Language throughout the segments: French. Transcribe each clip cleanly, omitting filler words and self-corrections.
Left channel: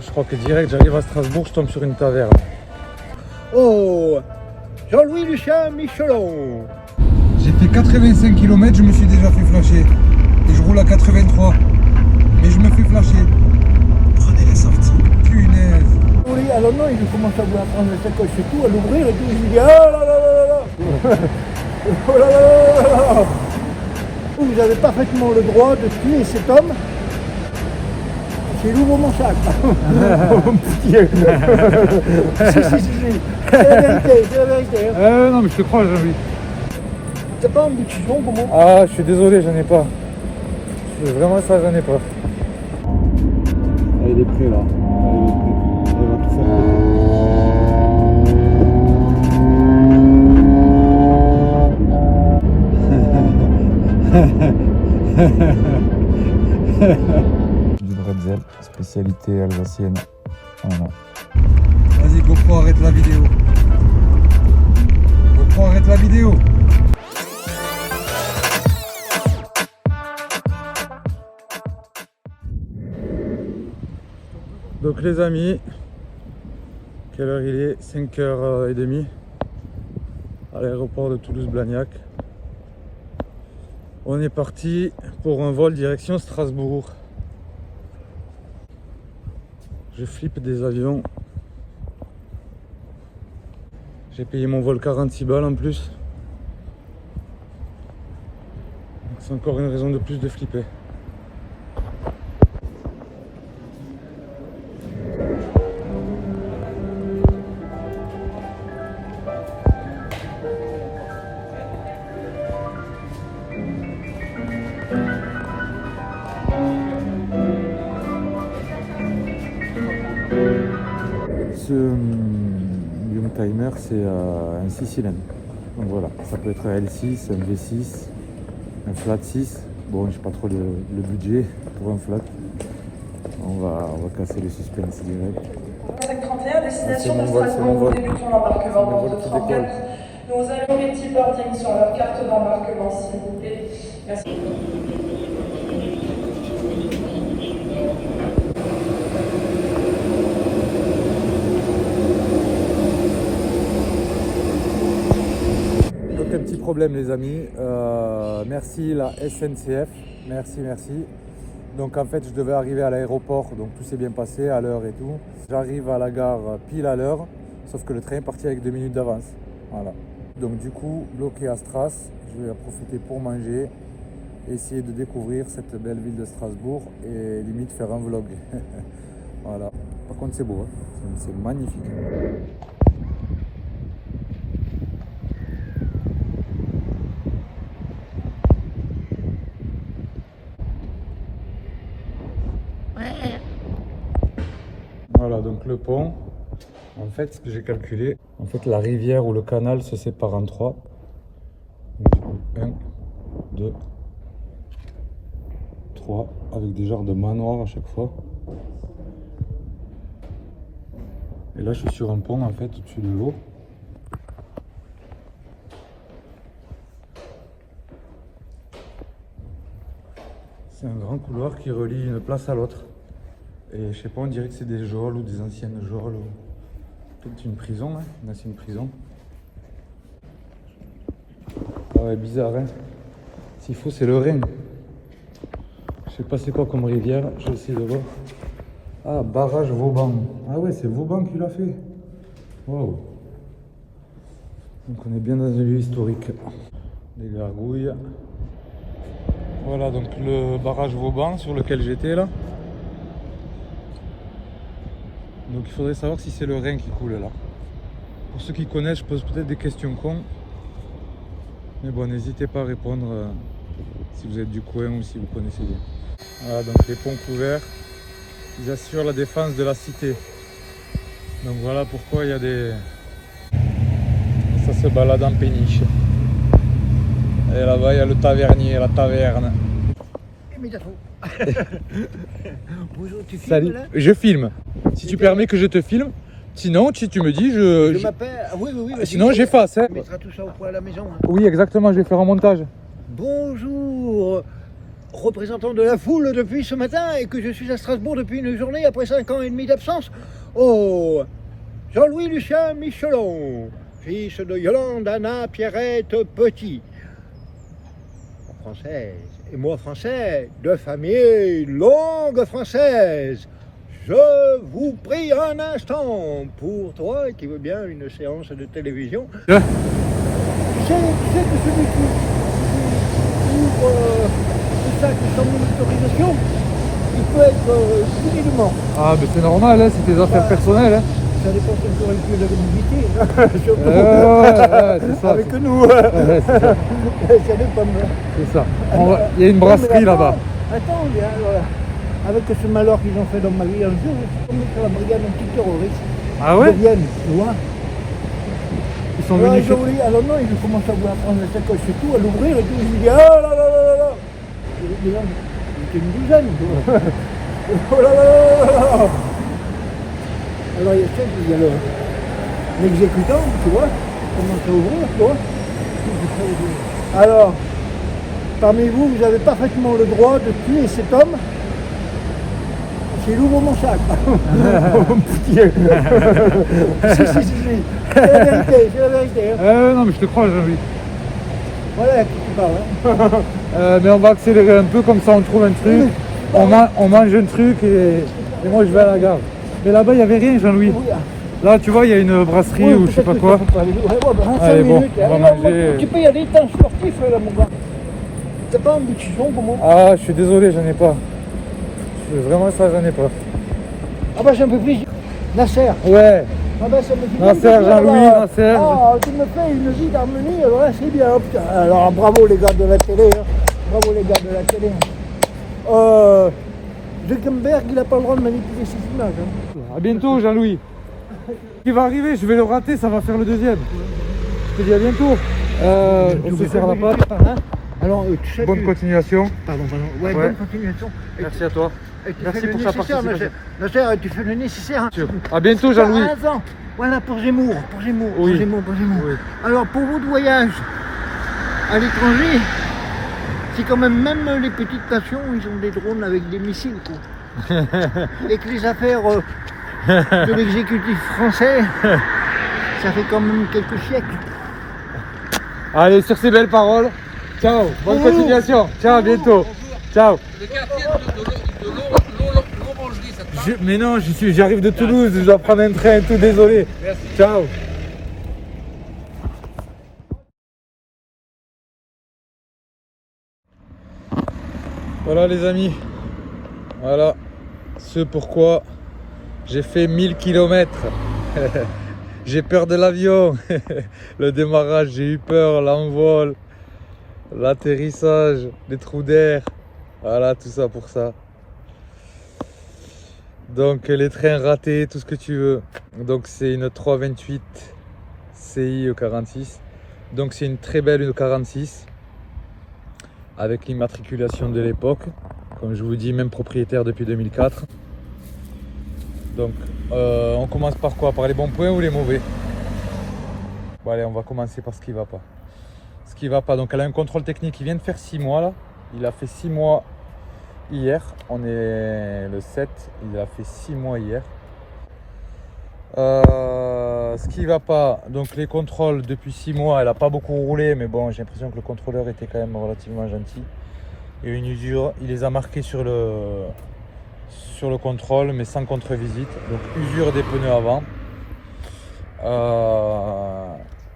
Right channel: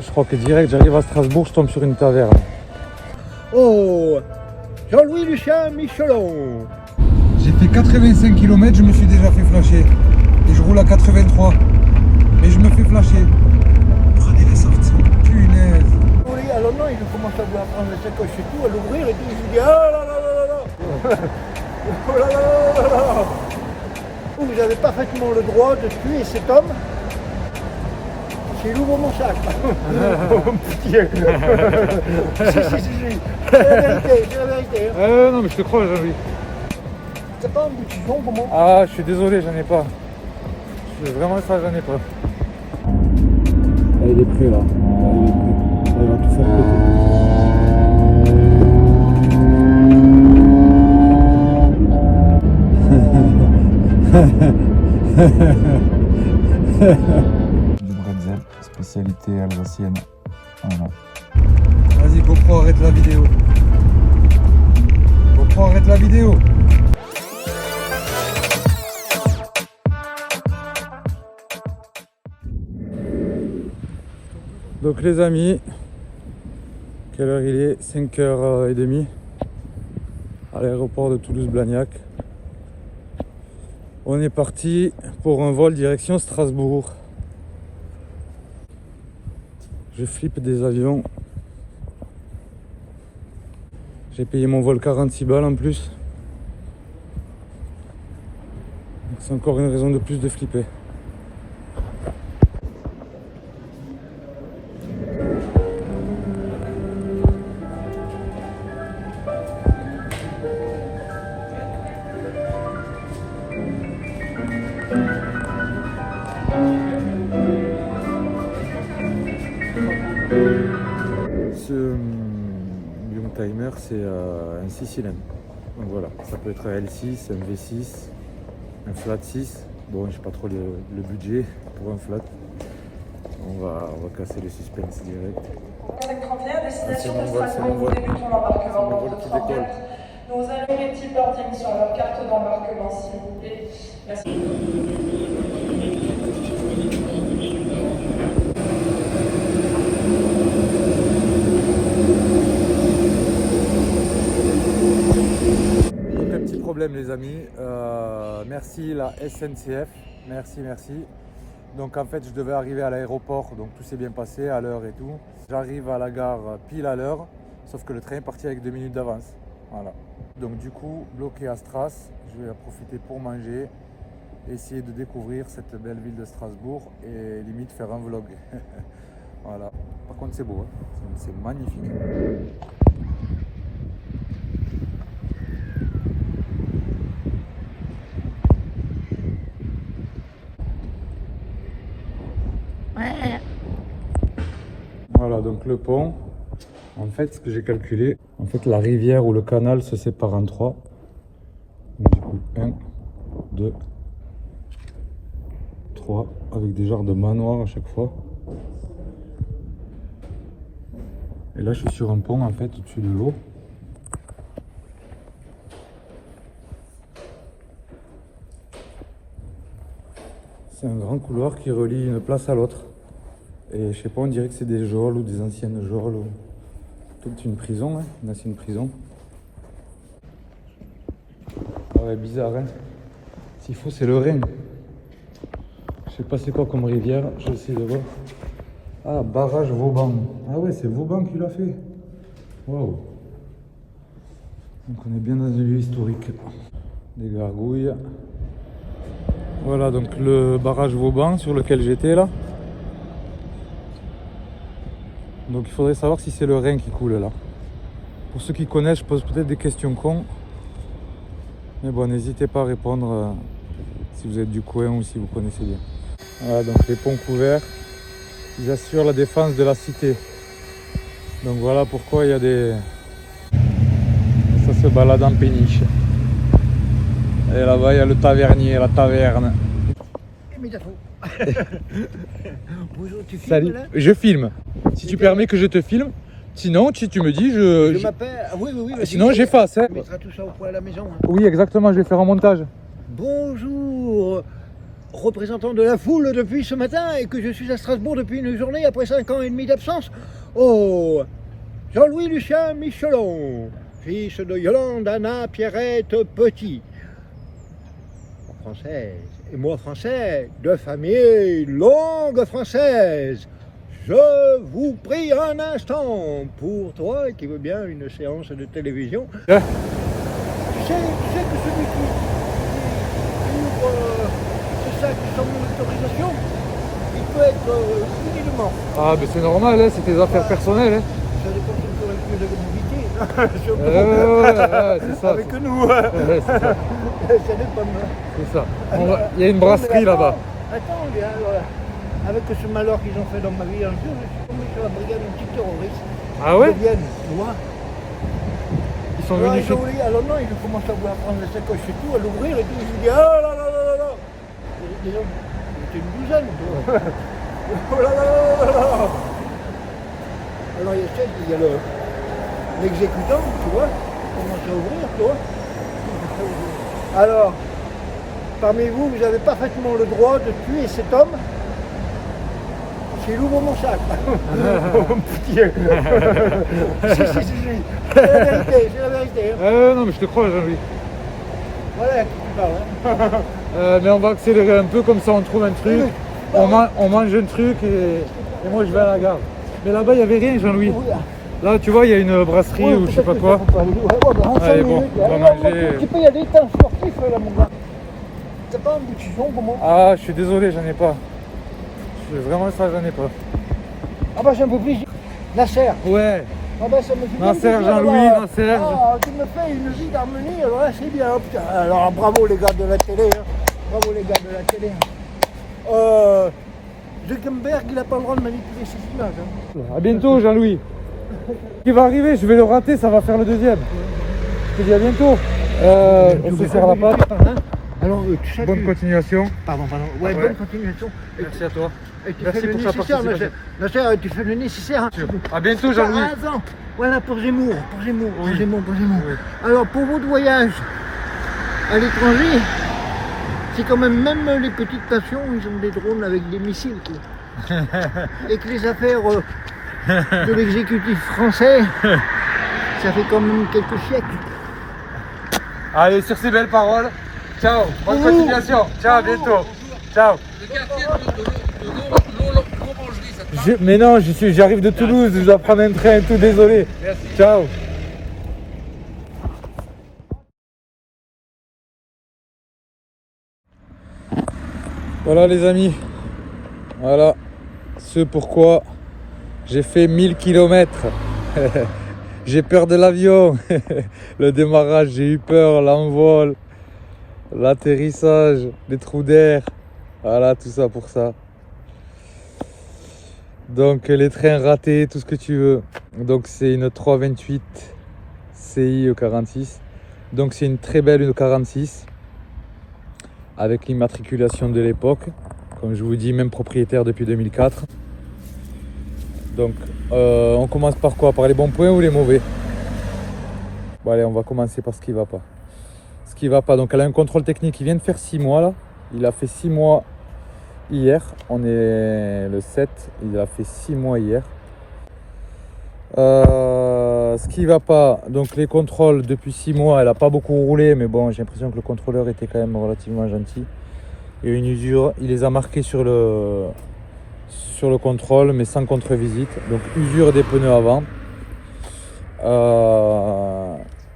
Je crois que direct j'arrive à Strasbourg, je tombe sur une taverne. Oh, Jean-Louis Lucien Michelon. J'ai fait 85 km, je me suis déjà fait flasher. Et je roule à 83. Mais je me fais flasher. Prenez la sortie. Punaise. Oui, alors non, il commence à vouloir prendre la sacoche et tout, à l'ouvrir et tout. Je lui dis, ah là là là là là. Oh là là là là là. Vous avez parfaitement le droit de tuer cet homme. C'est l'ouvre mon sac. Si, c'est la vérité. Non mais je te crois, Jean-Louis. T'as pas un bout de chiffon pour moi? Ah, je suis désolé, j'en ai pas. Vraiment ça, j'en ai pas. Elle est prêt là. Elle va tout Du bretzel, spécialité alsacienne. Voilà. Vas-y GoPro, arrête la vidéo. GoPro, arrête la vidéo. Donc les amis, quelle heure il est? 5h30 à l'aéroport de Toulouse-Blagnac. On est parti pour un vol direction Strasbourg. Je flippe des avions. J'ai payé mon vol 46 balles en plus. C'est encore une raison de plus de flipper. Ce Youngtimer, c'est un 6 cylindres. Donc voilà, ça peut être un L6, un V6, un flat 6. Bon, je n'ai pas trop le budget pour un flat. On va casser le suspense direct. 31, destination de Strasbourg, débutons l'embarquement dans votre engagement. Nous allons les petits boarding sur leur carte d'embarquement, s'il vous plaît. Merci. Donc un petit problème les amis, merci la SNCF, merci. Donc en fait je devais arriver à l'aéroport, donc tout s'est bien passé à l'heure et tout. J'arrive à la gare pile à l'heure, sauf que le train est parti avec 2 minutes d'avance. Voilà. Donc du coup, bloqué à Stras, je vais en profiter pour manger, essayer de découvrir cette belle ville de Strasbourg et limite faire un vlog. Voilà. Par contre c'est beau, hein, c'est magnifique. Voilà donc le pont. En fait, ce que j'ai calculé, en fait la rivière ou le canal se sépare en 3. Donc, du coup 1, 2, 3 avec des genres de manoirs à chaque fois. Et là je suis sur un pont en fait au-dessus de l'eau. C'est un grand couloir qui relie une place à l'autre. Et je sais pas, on dirait que c'est des geôles ou des anciennes geôles ou peut-être une prison, hein, une ancienne prison. Ah, bizarre, hein. S'il faut, c'est le Rhin. Je sais pas c'est quoi comme rivière, je vais essayer de voir. Ah, barrage Vauban. Ah ouais, c'est Vauban qui l'a fait. Waouh. Donc on est bien dans un lieu historique. Des gargouilles. Voilà donc le barrage Vauban sur lequel j'étais là. Donc il faudrait savoir si c'est le Rhin qui coule là. Pour ceux qui connaissent, je pose peut-être des questions cons. Mais bon, n'hésitez pas à répondre si vous êtes du coin ou si vous connaissez bien. Voilà donc les ponts couverts, ils assurent la défense de la cité. Donc voilà pourquoi il y a des... Et ça se balade en péniche. Et là-bas il y a le tavernier, la taverne. Bonjour, tu filmes Salut, là? je filme. Si tu permets que je te filme. Sinon, si tu me dis, Je m'appelle. Ah oui. Sinon, j'efface. Hein. On mettra tout ça au point à la maison. Hein. Oui, exactement, je vais faire un montage. Bonjour, représentant de la foule depuis ce matin et que je suis à Strasbourg depuis une journée après 5 ans et demi d'absence. Oh, Jean-Louis Lucien Michelon, fils de Yolande Anna Pierrette Petit. Française, et moi français, de famille longue française. Je vous prie un instant pour toi qui veut bien une séance de télévision. Tu sais que celui qui ouvre ce sac sans mon autorisation, il peut être puni de mort. Ah, mais c'est normal, hein, c'est tes affaires personnelles. Hein. Ça dépend toujours un peu de l'humidité, surtout c'est ça. avec nous. C'est ça. Ça dépend. C'est ça. Il y a une brasserie là-bas. Attends, avec ce malheur qu'ils ont fait dans ma vie un jour, je suis tombé sur la brigade antiterroriste. Ah ouais? Ils viennent, tu vois. Ils sont Alors, venus ils ont voulu, alors non, ils ont commencé à vouloir prendre la sacoche et tout, à l'ouvrir et tout. Je me dis, ah là là là là là. Les gens, ils étaient une douzaine, tu vois. Oh là là là là là. Alors il y a l'exécutant, tu vois, qui commence à ouvrir, tu vois. Alors, parmi vous, vous avez parfaitement le droit de tuer cet homme s'il ouvre mon sac. Si. C'est la vérité, c'est la vérité. Hein. non, mais je te crois, Jean-Louis. Voilà à qui tu parles. Hein. Mais on va accélérer un peu, comme ça on trouve un truc. On mange un truc et moi je vais à la gare. Mais là-bas, il n'y avait rien, Jean-Louis. Là, tu vois, il y a une brasserie ou je sais pas quoi. Allez, bon, on va manger. Tu peux y aller, t'es un sportif, là, mon gars. T'as pas un bout de chiffon, comment? Ah, je suis désolé, j'en ai pas. Vraiment, ça, j'en ai pas. Ah bah, ça me fait plaisir. Nasser. Ouais. Ah bah, ça me fait plaisir. Nasser, Jean-Louis, Nasser. Ah, tu me fais une vie d'harmonie, alors là, c'est bien. Oh, putain. Alors, bravo, les gars de la télé. Hein. Bravo, les gars de la télé. Zuckerberg, il n'a pas le droit de manipuler ces images. Hein. À bientôt, Jean-Louis. Qui va arriver, je vais le rater, ça va faire le deuxième. Je te dis à bientôt. On se serre la patte. Alors, tu sais, Bonne continuation. Pardon. Ouais, bonne continuation. Merci à toi. Et tu Merci fais le pour ta nécessaire, participation. Nasser, tu fais le nécessaire. Hein. À bientôt, Jean-Louis. Attends, voilà pour Zemmour. Oui. Pour Zemmour. Oui. Alors, pour votre voyage à l'étranger, c'est quand même les petites nations, ils ont des drones avec des missiles, quoi. Et que les affaires de l'exécutif français, ça fait quand même quelques siècles. Allez, sur ces belles paroles, ciao, bonne continuation, ciao, à bientôt, ciao. Mais non, j'arrive de Toulouse, je dois prendre un train et tout, désolé. Merci. Ciao. Voilà les amis, voilà ce pourquoi j'ai fait 1000 km. J'ai peur de l'avion, le démarrage j'ai eu peur, l'envol, l'atterrissage, les trous d'air, voilà tout ça pour ça. Donc les trains ratés, tout ce que tu veux. Donc c'est une 328 CI E46, donc c'est une très belle E46 avec l'immatriculation de l'époque, comme je vous dis, même propriétaire depuis 2004. Donc on commence par quoi? Par les bons points ou les mauvais? Bon allez, on va commencer par ce qui va pas. Ce qui va pas, donc elle a un contrôle technique, il vient de faire 6 mois là. Il a fait 6 mois hier, on est le 7, il a fait 6 mois hier. Ce qui va pas, donc les contrôles depuis 6 mois, elle a pas beaucoup roulé, mais bon, j'ai l'impression que le contrôleur était quand même relativement gentil. Et une usure, il les a marqués sur le contrôle, mais sans contre-visite. Donc usure des pneus avant,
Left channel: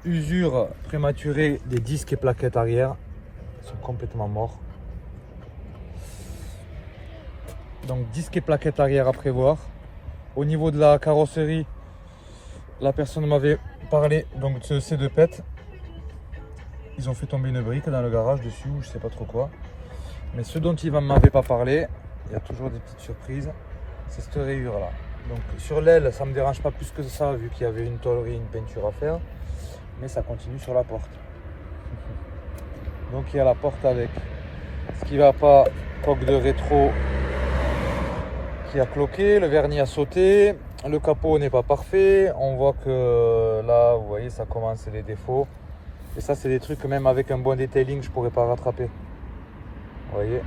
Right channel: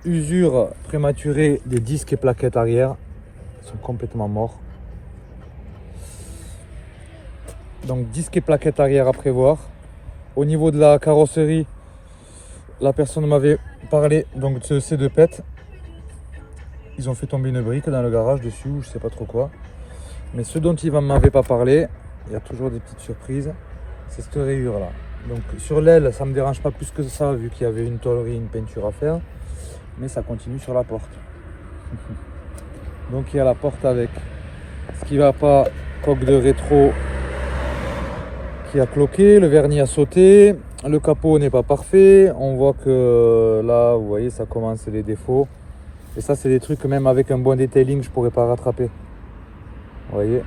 usure prématurée des disques et plaquettes arrière, ils sont complètement morts. Donc disques et plaquettes arrière à prévoir. Au niveau de la carrosserie, la personne m'avait parlé donc de ces deux pètes. Ils ont fait tomber une brique dans le garage dessus, ou je sais pas trop quoi. Mais ce dont il ne m'avait pas parlé, il y a toujours des petites surprises, c'est cette rayure là. Donc sur l'aile, ça ne me dérange pas plus que ça, vu qu'il y avait une tôlerie, une peinture à faire. Mais ça continue sur la porte. Donc il y a la porte avec ce qui va pas, coque de rétro qui a cloqué, le vernis a sauté, le capot n'est pas parfait. On voit que là, vous voyez, ça commence les défauts. Et ça, c'est des trucs que même avec un bon detailing, je pourrais pas rattraper. Vous voyez,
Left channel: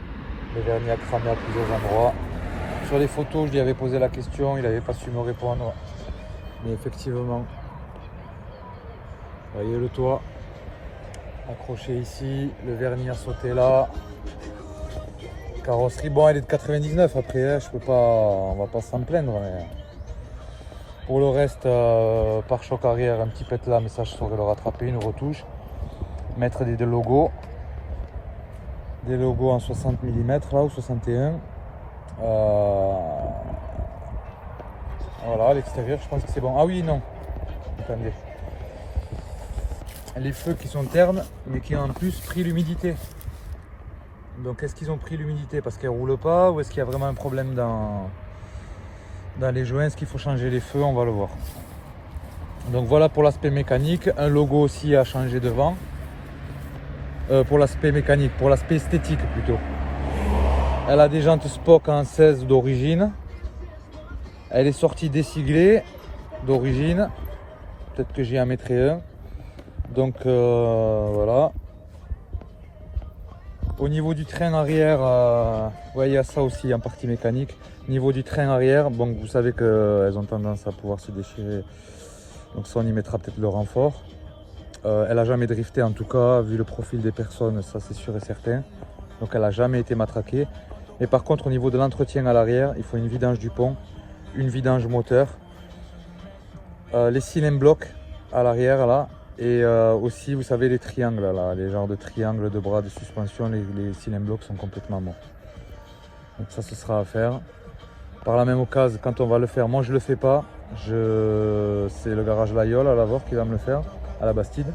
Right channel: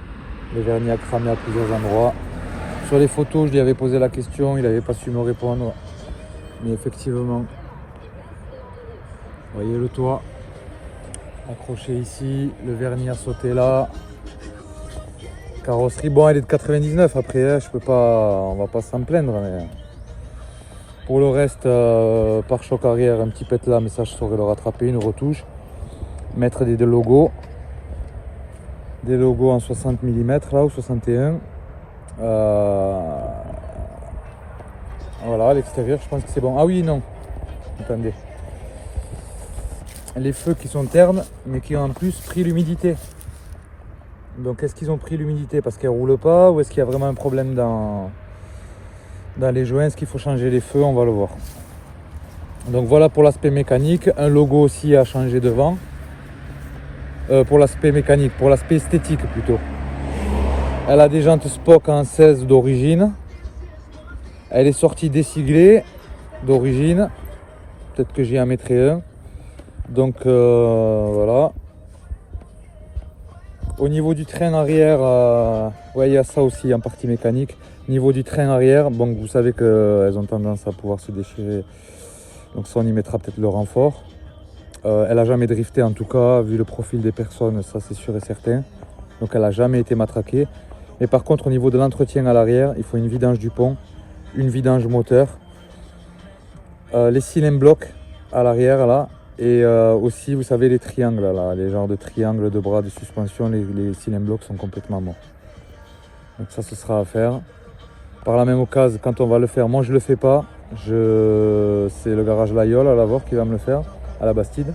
Le vernis a cramé à plusieurs endroits. Sur les photos, je lui avais posé la question, il n'avait pas su me répondre. Mais effectivement, vous voyez le toit accroché ici, le vernis a sauté là. Carrosserie, bon, elle est de 99 après, hein, je peux pas, on va pas s'en plaindre. Mais... Pour le reste, pare-choc arrière, un petit pet là, mais ça je saurais le rattraper, une retouche. Mettre des logos. Des logos en 60 mm là, ou 61. Voilà, l'extérieur, je pense que c'est bon. Ah oui, non. Attendez. Les feux qui sont ternes, mais qui ont en plus pris l'humidité. Donc est-ce qu'ils ont pris l'humidité parce qu'elles ne roulent pas, ou est-ce qu'il y a vraiment un problème dans les joints? Est-ce qu'il faut changer les feux? On va le voir. Donc voilà pour l'aspect mécanique. Un logo aussi à changer devant. Pour l'aspect mécanique, pour l'aspect esthétique plutôt. Elle a des jantes Spock en 16 d'origine. Elle est sortie désiglée d'origine. Peut-être que j'y en mettrai un. Donc voilà. Au niveau du train arrière, ouais, il y a ça aussi en partie mécanique. Au niveau du train arrière, bon, vous savez qu'elles ont tendance à pouvoir se déchirer. Donc ça, on y mettra peut-être le renfort. Elle n'a jamais drifté en tout cas, vu le profil des personnes, ça c'est sûr et certain. Donc elle n'a jamais été matraquée. Mais par contre, au niveau de l'entretien à l'arrière, il faut une vidange du pont, une vidange moteur, les cylindres blocs à l'arrière là. Et aussi, vous savez, les triangles, là, les genres de triangles de bras de suspension, les cylindres blocs sont complètement morts. Donc ça, ce sera à faire. Par la même occasion, quand on va le faire, moi je le fais pas. C'est le garage Layol à Lavore qui va me le faire, à la Bastide.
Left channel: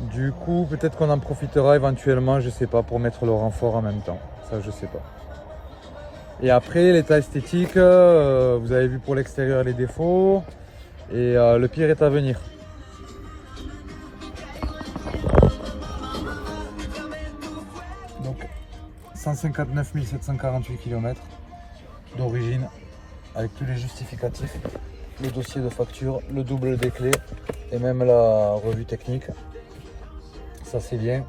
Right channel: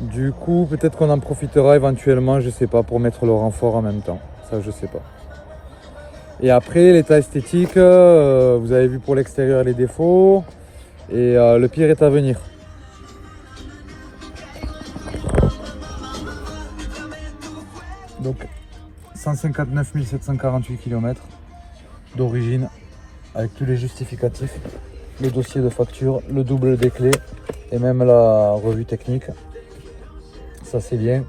Du coup, peut-être qu'on en profitera éventuellement, je sais pas, pour mettre le renfort en même temps. Ça, je sais pas. Et après, l'état esthétique, vous avez vu pour l'extérieur les défauts. Et le pire est à venir. Donc 159 748 km d'origine avec tous les justificatifs, le dossier de facture, le double des clés et même la revue technique. Ça c'est bien.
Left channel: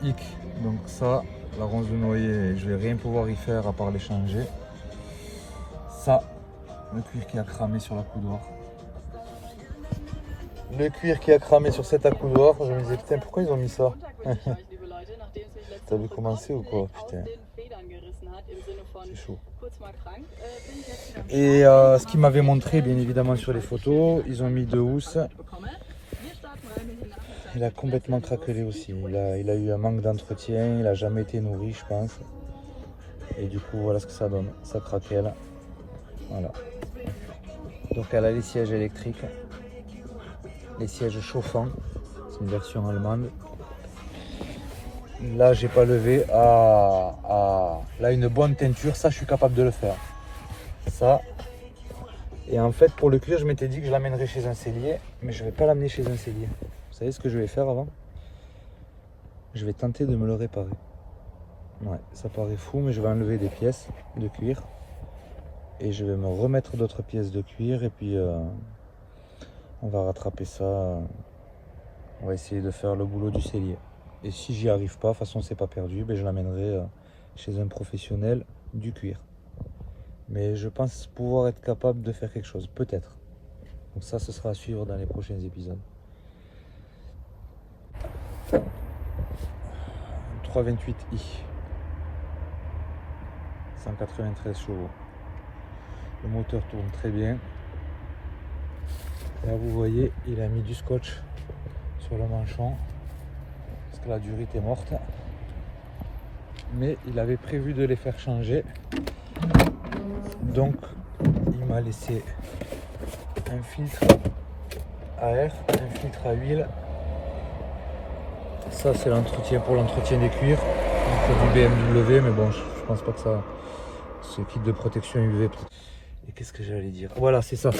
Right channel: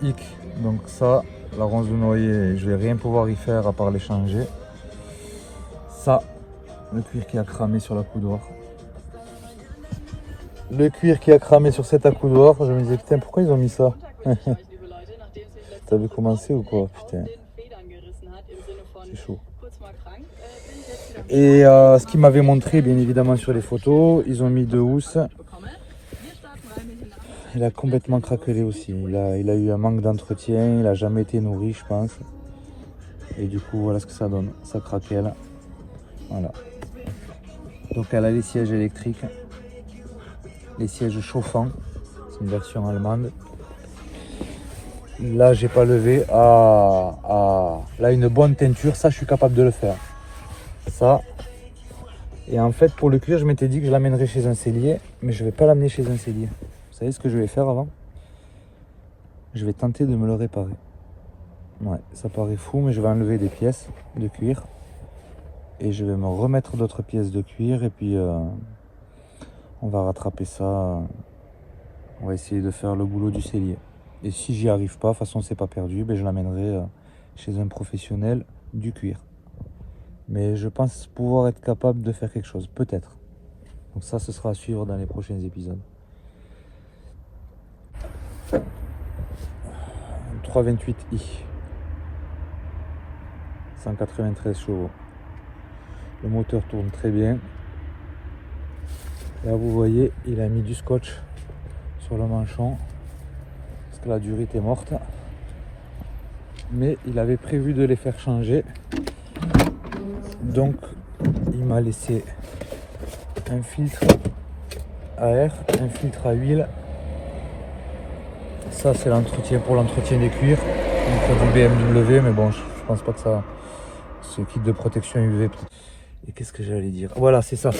Hic, donc ça, la ronce de noyer, je vais rien pouvoir y faire à part les changer. Ça, le cuir qui a cramé sur la coudoir. Le cuir qui a cramé sur cet accoudoir, je me disais putain pourquoi ils ont mis ça. T'avais commencé ou quoi? Putain, c'est chaud. Et ce qu'ils m'avaient montré, bien évidemment, sur les photos, ils ont mis deux housses. Il a complètement craquelé aussi. Il a eu un manque d'entretien, il n'a jamais été nourri, je pense. Et du coup, voilà ce que ça donne. Ça craquelle. Voilà. Donc, elle a les sièges électriques, les sièges chauffants. C'est une version allemande. Là, j'ai pas levé là une bonne teinture, ça je suis capable de le faire. Ça. Et en fait, pour le cuir, je m'étais dit que je l'amènerais chez un sellier, mais je vais pas l'amener chez un sellier. Vous savez ce que je vais faire avant? Je vais tenter de me le réparer. Ouais, ça paraît fou, mais je vais enlever des pièces de cuir et je vais me remettre d'autres pièces de cuir et puis on va rattraper ça. On va essayer de faire le boulot du sellier. Et si j'y arrive pas, de toute façon c'est pas perdu, ben je l'amènerai chez un professionnel du cuir. Mais je pense pouvoir être capable de faire quelque chose, peut-être. Donc ça, ce sera à suivre dans les prochains épisodes. 328i. 193 chevaux. Le moteur tourne très bien. Là vous voyez, il a mis du scotch sur le manchon. Que la durite est morte, mais il avait prévu de les faire changer, donc il m'a laissé un filtre à air, un filtre à huile. Ça c'est l'entretien pour l'entretien des cuirs, un produit BMW, mais bon je pense pas que ça, ce kit de protection UV. Et qu'est-ce que j'allais dire, voilà c'est ça.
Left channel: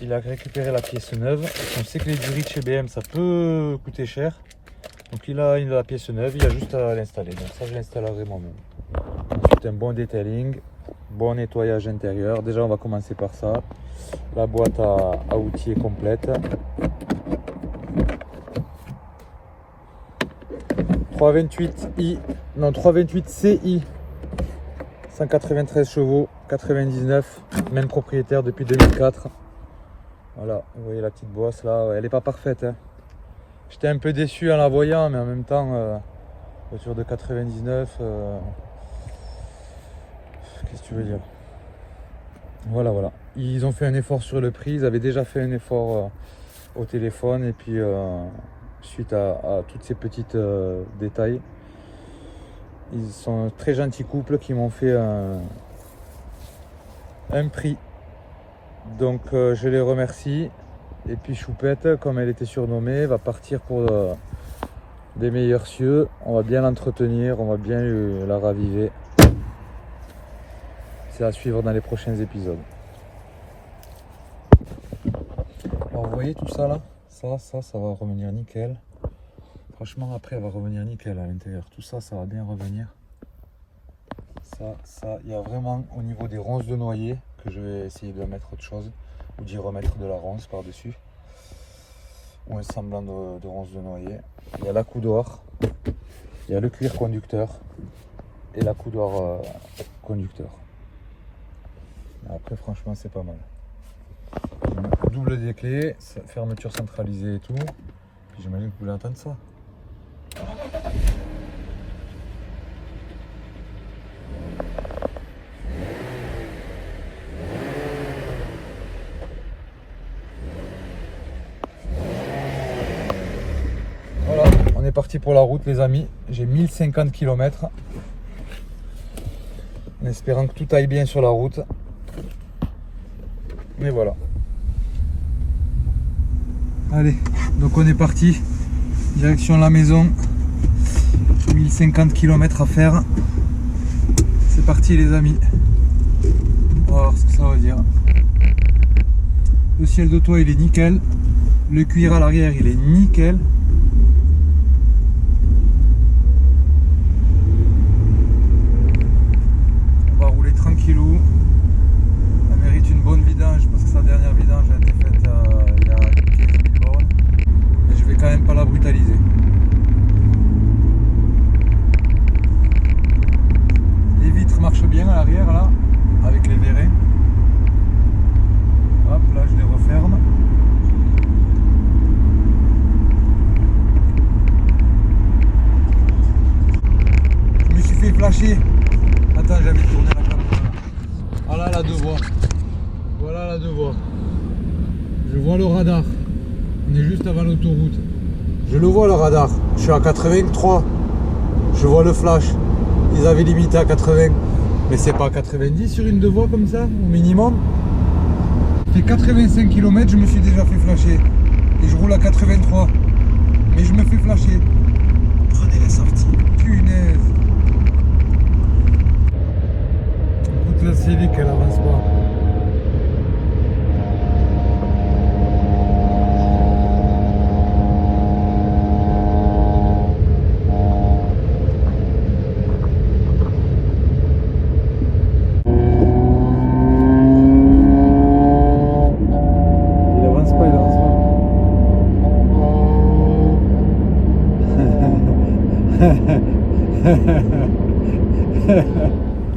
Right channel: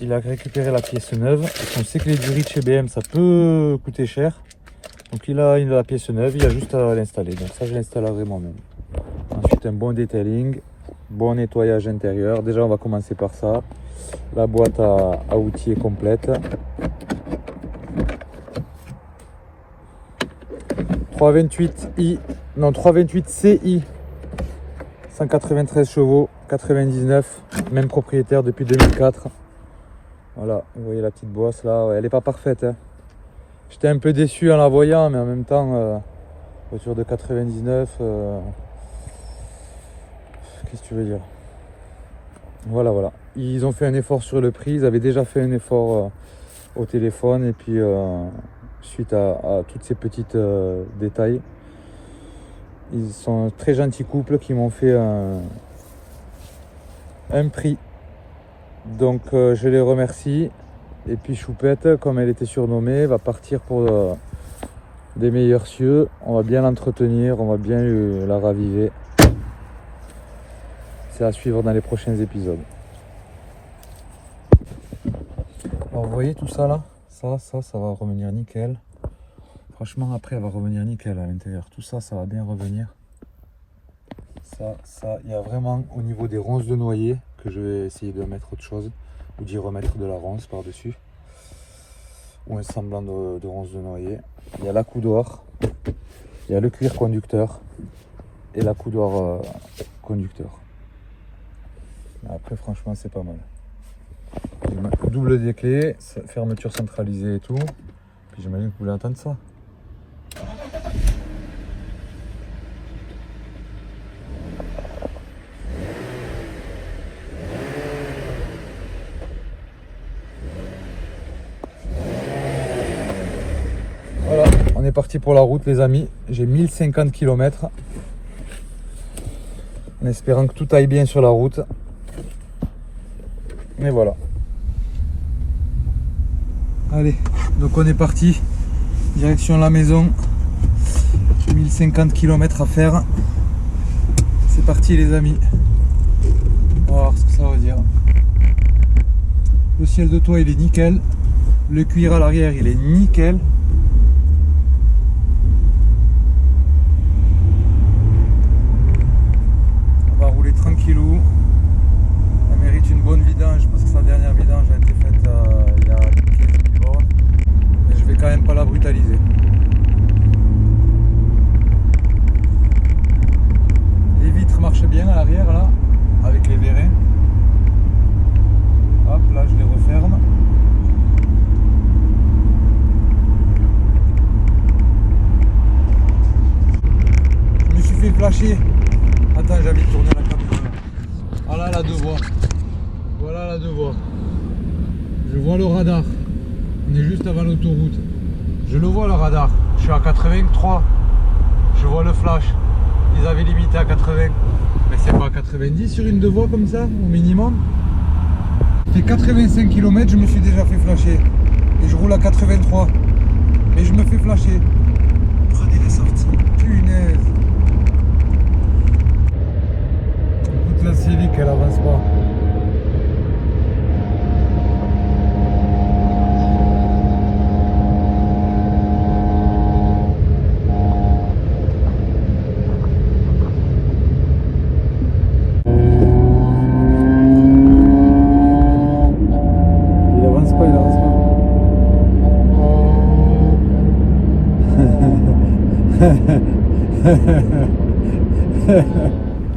Il a récupéré la pièce neuve. On sait que les durites chez BM ça peut coûter cher. Donc il a la pièce neuve, il a juste à l'installer. Donc ça je l'installerai moi-même. Ensuite un bon detailing, bon nettoyage intérieur. Déjà on va commencer par ça. La boîte à outils est complète. 328i, non 328 CI, 193 chevaux, 99, même propriétaire depuis 2004. Voilà, vous voyez la petite boisse là, ouais, elle n'est pas parfaite. Hein. J'étais un peu déçu en la voyant, mais en même temps, voiture de 99, qu'est-ce que tu veux dire? Voilà, voilà. Ils ont fait un effort sur le prix, ils avaient déjà fait un effort au téléphone, et puis suite à toutes ces petites détails, ils sont un très gentil couple qui m'ont fait un prix. Donc je les remercie. Et puis Choupette, comme elle était surnommée, va partir pour des meilleurs cieux. On va bien l'entretenir, on va bien la raviver. C'est à suivre dans les prochains épisodes. Alors vous voyez tout ça là, ça va revenir nickel. Franchement après elle va revenir nickel à l'intérieur. Tout ça, ça va bien revenir. Ça, il y a vraiment au niveau des ronces de noyer que je vais essayer de mettre autre chose ou d'y remettre de la ronce par-dessus. Ou un semblant de ronce de noyer. Il y a la coudoir, il y a le cuir conducteur et la coudoir conducteur. Après franchement c'est pas mal. Double des clés, fermeture centralisée et tout. Puis j'imagine que vous voulez entendre ça. Voilà, on est parti pour la route les amis. J'ai 1050 km. En espérant que tout aille bien sur la route. Mais voilà. Allez, donc on est parti. Direction la maison. 1050 km à faire. C'est parti les amis. On va voir ce que ça va dire. Le ciel de toit il est nickel. Le cuir à l'arrière il est nickel. On va rouler tranquillou. Elle mérite une bonne vidange parce que sa dernière vidange a été faite il y a 15 000 bornes. Mais je vais quand même pas la brutaliser. Les vitres marchent bien à l'arrière là, avec les vérins. Hop, là je les referme. Je me suis fait flasher. Attends, j'ai envie de tourner la caméra là. Ah là, la deux voies. Voilà la deux voies. Je vois le radar. On est juste avant l'autoroute. Je le vois le radar. Je suis à 83. Je vois le flash. Ils avaient limité à 80. Mais c'est pas 90 sur une deux voies comme ça, au minimum. Fait 85 km, je me suis déjà fait flasher. Et je roule à 83. Mais je me fais flasher. Prenez la sortie. Punaise. Écoute la Civic, elle avance pas.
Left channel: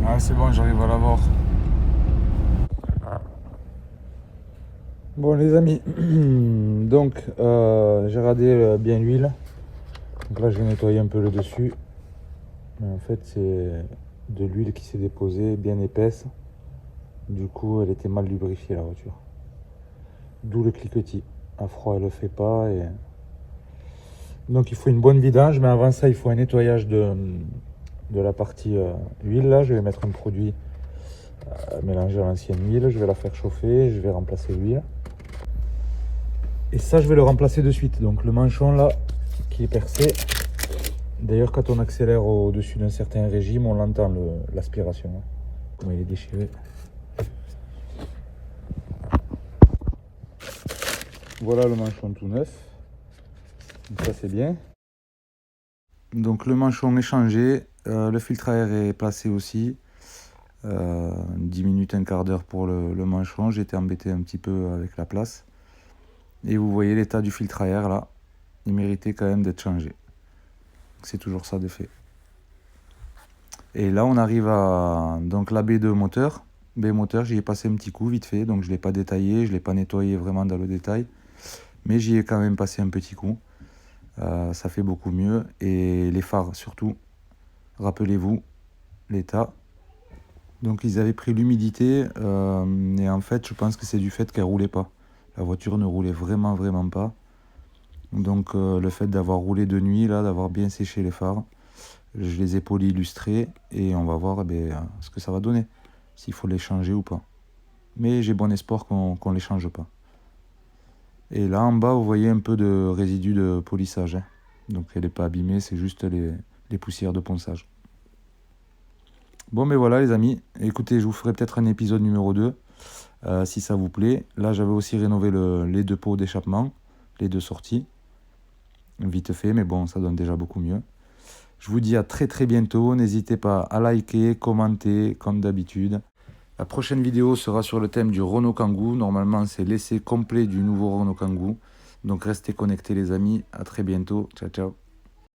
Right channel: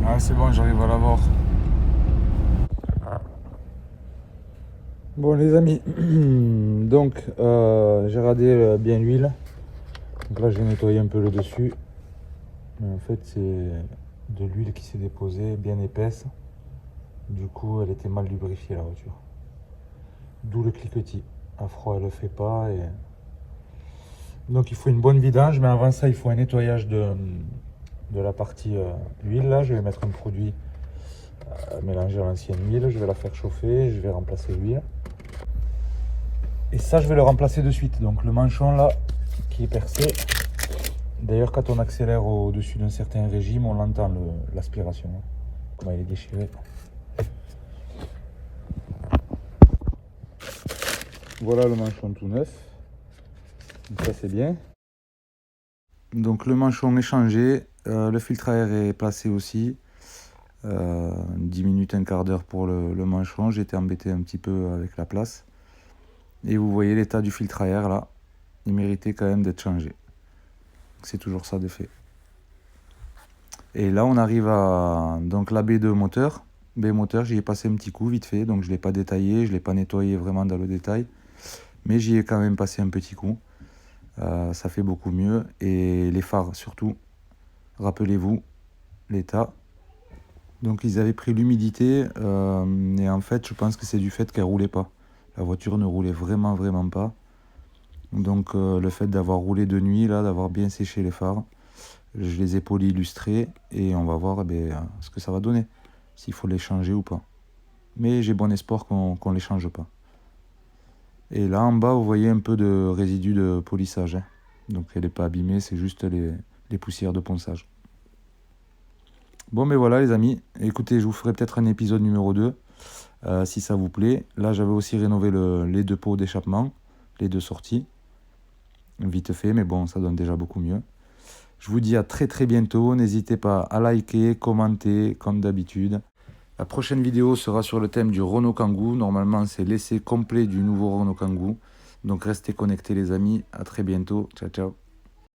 Ah c'est bon, j'arrive à l'avoir. Bon les amis, donc j'ai radé bien l'huile. Donc là je vais nettoyer un peu le dessus. Mais en fait c'est de l'huile qui s'est déposée, bien épaisse. Du coup elle était mal lubrifiée la voiture. D'où le cliquetis. À froid elle le fait pas. Donc il faut une bonne vidange, mais avant ça il faut un nettoyage de la partie huile. Là je vais mettre un produit mélangé à l'ancienne huile, je vais la faire chauffer, je vais remplacer l'huile. Et ça je vais le remplacer de suite. Donc le manchon là qui est percé. D'ailleurs quand on accélère au-dessus d'un certain régime, on l'entend l'aspiration. Comment il est déchiré. Voilà le manchon tout neuf. Donc ça c'est bien. Donc le manchon est changé, le filtre à air est placé aussi. 10 minutes, un quart d'heure pour le manchon. J'ai été embêté un petit peu avec la place. Et vous voyez l'état du filtre à air là. Il méritait quand même d'être changé. Donc c'est toujours ça de fait. Et là, on arrive à donc la B2 moteur. B moteur, j'y ai passé un petit coup vite fait, donc je ne l'ai pas détaillé, je ne l'ai pas nettoyé vraiment dans le détail, mais j'y ai quand même passé un petit coup. Ça fait beaucoup mieux. Et les phares surtout, rappelez-vous l'état. Donc ils avaient pris l'humidité et en fait je pense que c'est du fait qu'elle roulait pas. La voiture ne roulait vraiment pas. Donc le fait d'avoir roulé de nuit, là, d'avoir bien séché les phares, je les ai polis illustrés et on va voir ce que ça va donner, s'il faut les changer ou pas. Mais j'ai bon espoir qu'on les change pas. Et là en bas vous voyez un peu de résidus de polissage, hein. Donc elle n'est pas abîmée, c'est juste les poussières de ponçage. Bon mais voilà les amis, écoutez, je vous ferai peut-être un épisode numéro 2 si ça vous plaît. Là j'avais aussi rénové les 2 pots d'échappement, les 2 sorties, vite fait, mais bon ça donne déjà beaucoup mieux. Je vous dis à très bientôt, n'hésitez pas à liker, commenter comme d'habitude. La prochaine vidéo sera sur le thème du Renault Kangoo. Normalement c'est l'essai complet du nouveau Renault Kangoo. Donc restez connectés les amis, à très bientôt, ciao ciao.